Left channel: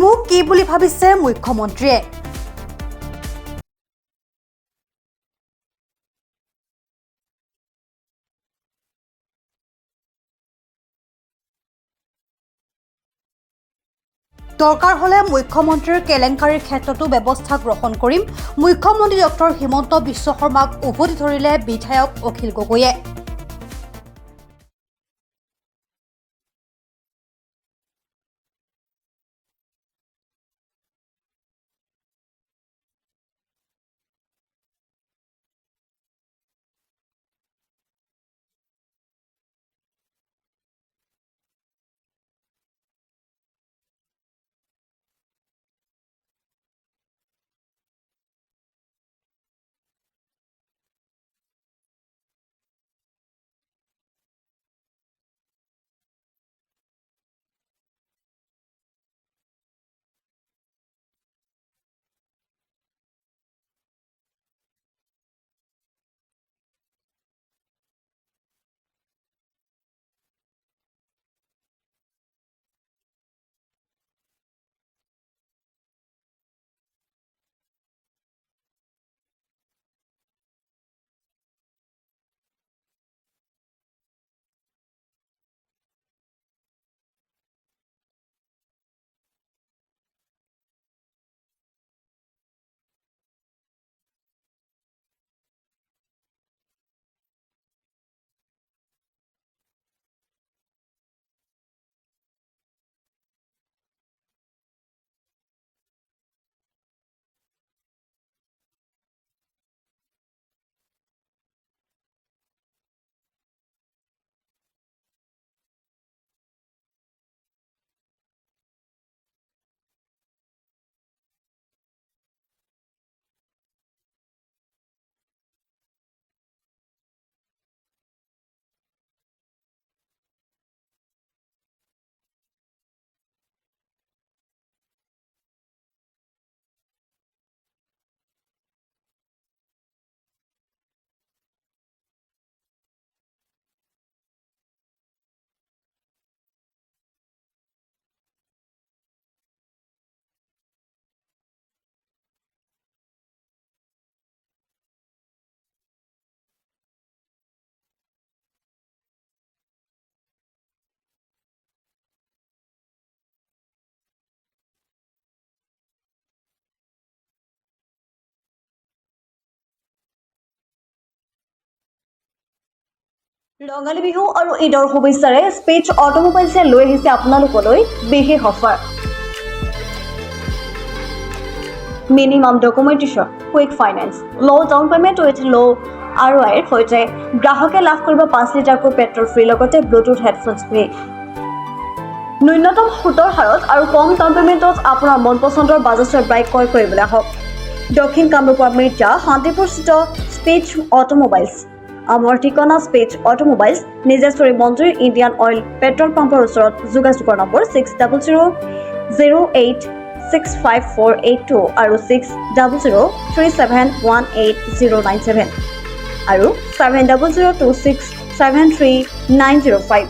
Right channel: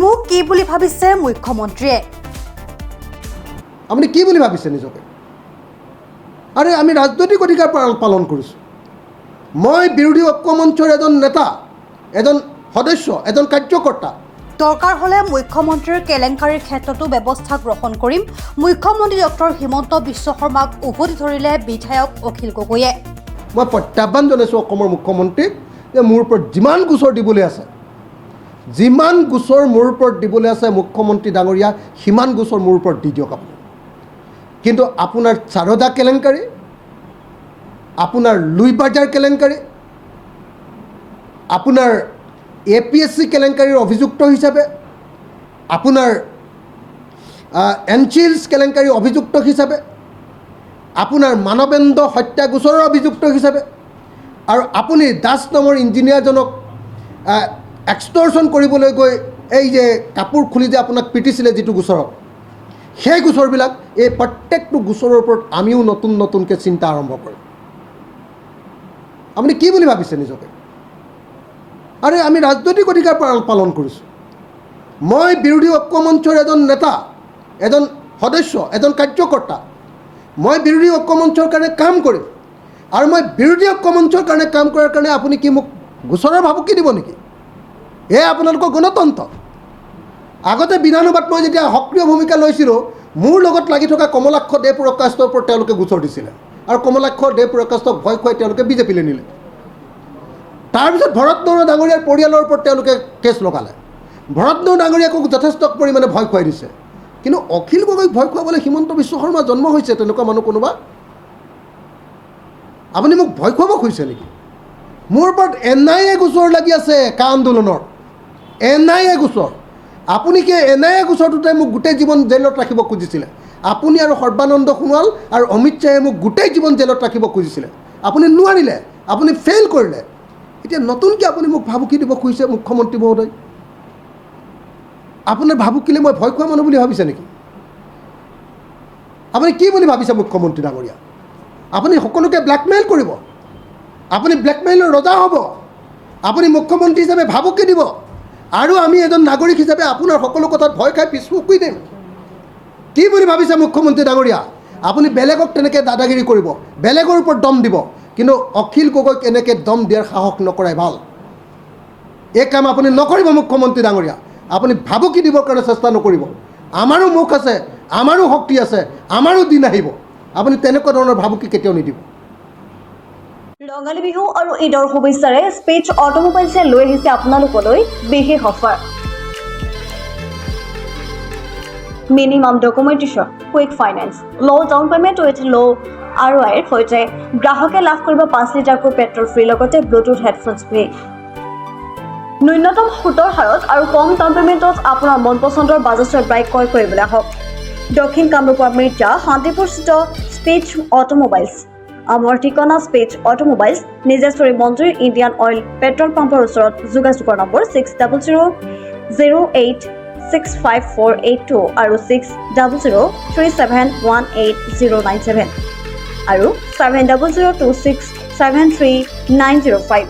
মোক কি বুলি ভাবিছে মুখ্যমন্ত্ৰীয়ে? আপুনি কি বুলি ভাবিছে নিজকে? আৰে আমি ৰাজনৈতিক অধিকাৰ পালন কৰিছোঁ। মই বিৰোধী ঐক্য মঞ্চৰ এজন নেতা, এজন সদস্য, এজন কাৰ্যকৰ্তা। দৰকাৰ হ'লে মুখ্যমন্ত্ৰীৰ কেলেংকাৰীৰ ক্ষেত্ৰতো ব্যৱস্থা গ্ৰহণ কৰিম। মুখ্যমন্ত্ৰী ডক্টৰ হিমন্ত বিশ্ব শৰ্মাক উভতি ধৰিলে বিধায়ক অখিল গগৈয়ে। মই প্ৰত্যাহ্বান জনাইছোঁ অসমৰ মুখ্যমন্ত্ৰীক যে মোৰ ওপৰত যিমান গোচৰ দিবলৈ আছে, যিমান গোচৰ মোৰ ওপৰত দিবলৈ আছে মুখ্যমন্ত্ৰী ডাঙৰীয়া, সিমান গোচৰ মোৰ ওপৰত দি দিয়ক আপুনি। কিন্তু আপোনাৰ চাৰদা কেলেংকাৰী, আপোনাৰ লুইবাজাৰ কেলেংকাৰী, আপোনাৰ APSC কেলেংকাৰীৰ অভিযুক্ত হিচাপে, আপোনাৰ এনচিলছ কেলেংকাৰীৰ অভিযুক্ত হিচাপে, আপোনাৰ মানৱেন্দ্ৰ হত্যা গোচৰৰ অভিযুক্ত হিচাপে, আৰু আপুনি দাস নামৰ ইঞ্জিনিয়াৰজনক এক্সটৰ্চন কৰিবলৈ গৈ এই যে কাপোৰ খুলি যে আপোনাক পিটিছিলে যিটো গোচৰত, সেই গোচৰবিলাক, এই প্ৰত্যেকটো গোচৰৰ ওপৰত আমিও নতুন নতুনকৈ চিন্তা আৰম্ভ কৰিম। আপুনি কি বুলি ভাবিছে নিজকে? আৰে আমি ৰাজনৈতিক অধিকাৰ পালন কৰিছোঁ। মই বিৰোধী ঐক্য মঞ্চৰ এজন নেতা, এজন সদস্য, এজন কাৰ্যকৰ্তা। মই বিৰোধী ঐক্য মঞ্চৰ কাৰণে কাম কৰিম, আৰু মই বিৰোধী ঐক্য মঞ্চৰ কাৰণে কাম কৰাৰ কাৰণে আপুনি কি মোক গোচৰৰ ভাবুকি দিব নেকি? এয়া আপোনালোকৰ গণতন্ত্ৰ। আগতে বিধানসভাত মই যেতিয়া সক্ৰিয় ভূমিকা লৈছিলোঁ, মোৰ লগত লাগি থকা কমলাক্ষ দেৱপ্ৰকাশৰ ওপৰত তেওঁলোকে গোচৰ দিছিলে, আৰু কমলাক্ষ দেৱপ্ৰকাশক ভয় খুৱাই তেওঁলোকে বিজেপিলৈ নিলে। তাৰপিছত ভৰত নৰহ ডাঙৰীয়াৰ পৰিয়ালৰ ওপৰত তেওঁলোকে কেছ লগালে। ভৰত নৰহ ডাঙৰীয়াকো যথেষ্ট পৰিমাণে ভয় খুৱাই দিছে। কিন্তু অখিল গগৈক ভয় খুৱাবলৈ হিমন্ত বিশ্ব শৰ্মা জন্ম হৈছে তেনেকুৱা মানুহ কোনোবা? আপুনি মোক ভয় খুৱাব খুজিছে নেকি? মোৰ ওপৰত NIA গোচৰ লাগি আছে, কা আন্দোলনৰ NIA গোচৰ। আপুনি কি NIA গোচৰটোতে মোক গোটেই জীৱন জেলত ৰাখিব খুজিছিলে? আপুনি আৰু সৰ্বানন্দ সোণোৱাল আৰু অমিত শ্বাহে মোক গোটেই জীৱন জেলত ৰাখিব খুজিছিলে। আপুনি নোৱাৰিলে, আপুনি ফেইল কৰিলে। এতিয়া নতুনকৈ আপুনি মোক ভাবুকি দিব খুজিছে মুখ্যমন্ত্ৰী মহোদয়। আপোনাৰ ভাবুকিলে মই ভয় খোৱা মানুহ বুলি ভাবিছে নেকি? আপুনি কি বুলি ভাবিছে মুখ্যমন্ত্ৰী ডাঙৰীয়া? আপুনি সকলোকে ব্লেকমেইল কৰিব, আপুনি ব্লেকমেইলৰ ৰজা হ'ব, আপুনি মুখ্যমন্ত্ৰী হিচাপে ভাবুকি দিব, আৰু আমি এজন নাগৰিক হিচাপে আপোনাৰ সকলো কথাত ভয় খাই পিছ হুহুকি দিম। কি বুলি ভাবিছে মুখ্যমন্ত্ৰী ডাঙৰীয়া? আপুনি বেলেগক তেনেকৈ দাদাগিৰি কৰিব, বেলেগৰ ওপৰত দম দিব, কিন্তু অখিল গগৈক এনেকৈ দম দিয়াৰ সাহস নকৰাই ভাল। এই কাম আপুনি নকৰিব মুখ্যমন্ত্ৰী ডাঙৰীয়া। আপুনি ভাবুকি দিবৰ কাৰণে চেষ্টা নকৰিব। আমাৰো মুখ আছে, আমাৰো শক্তি আছে, আমাৰো দিন আহিব। আপুনি তেনেকুৱা ধৰণৰ ভাবুকি কেতিয়াও নিদিব। ৰঙালী বিহু আৰু ঈদৰ শুভেচ্ছাৰে স্পেচ অটোমোবাইলছে লৈ আহিছে আপোনালোকলৈ বিশেষ offer. Minimum documentation, quick finance, ল' ডাউন পে'মেণ্ট উইথ ল' ROIৰ সৈতে গ্ৰাহকে লাভ কৰিব 5 লিটাৰকৈ পেট্ৰল ফ্ৰী, লগতে ব্লুটুথ হেডফোনছ ফ্ৰী। ন্যূনতম সুতৰ হাৰত আৰু কম ডাউন পে'মেণ্টত আপোনাৰ মন পচন্দৰ বাজাজৰ বাইক ক্ৰয় কৰিবলৈ আহক দক্ষিণ কামৰূপৰ মিৰ্জা শান্তিপুৰস্থিত স্পেচ অটোমোবাইলছ। আমাৰ ঠিকনা স্পেচ অটোমোবাইলছ, নিজেশ্বৰী মন্দিৰ, ইণ্ডিয়ান অইল পেট্ৰল পাম্পৰ ওচৰত। যোগাযোগৰ নম্বৰ 600008658482 আৰু 6003718097 আৰু 7002673905।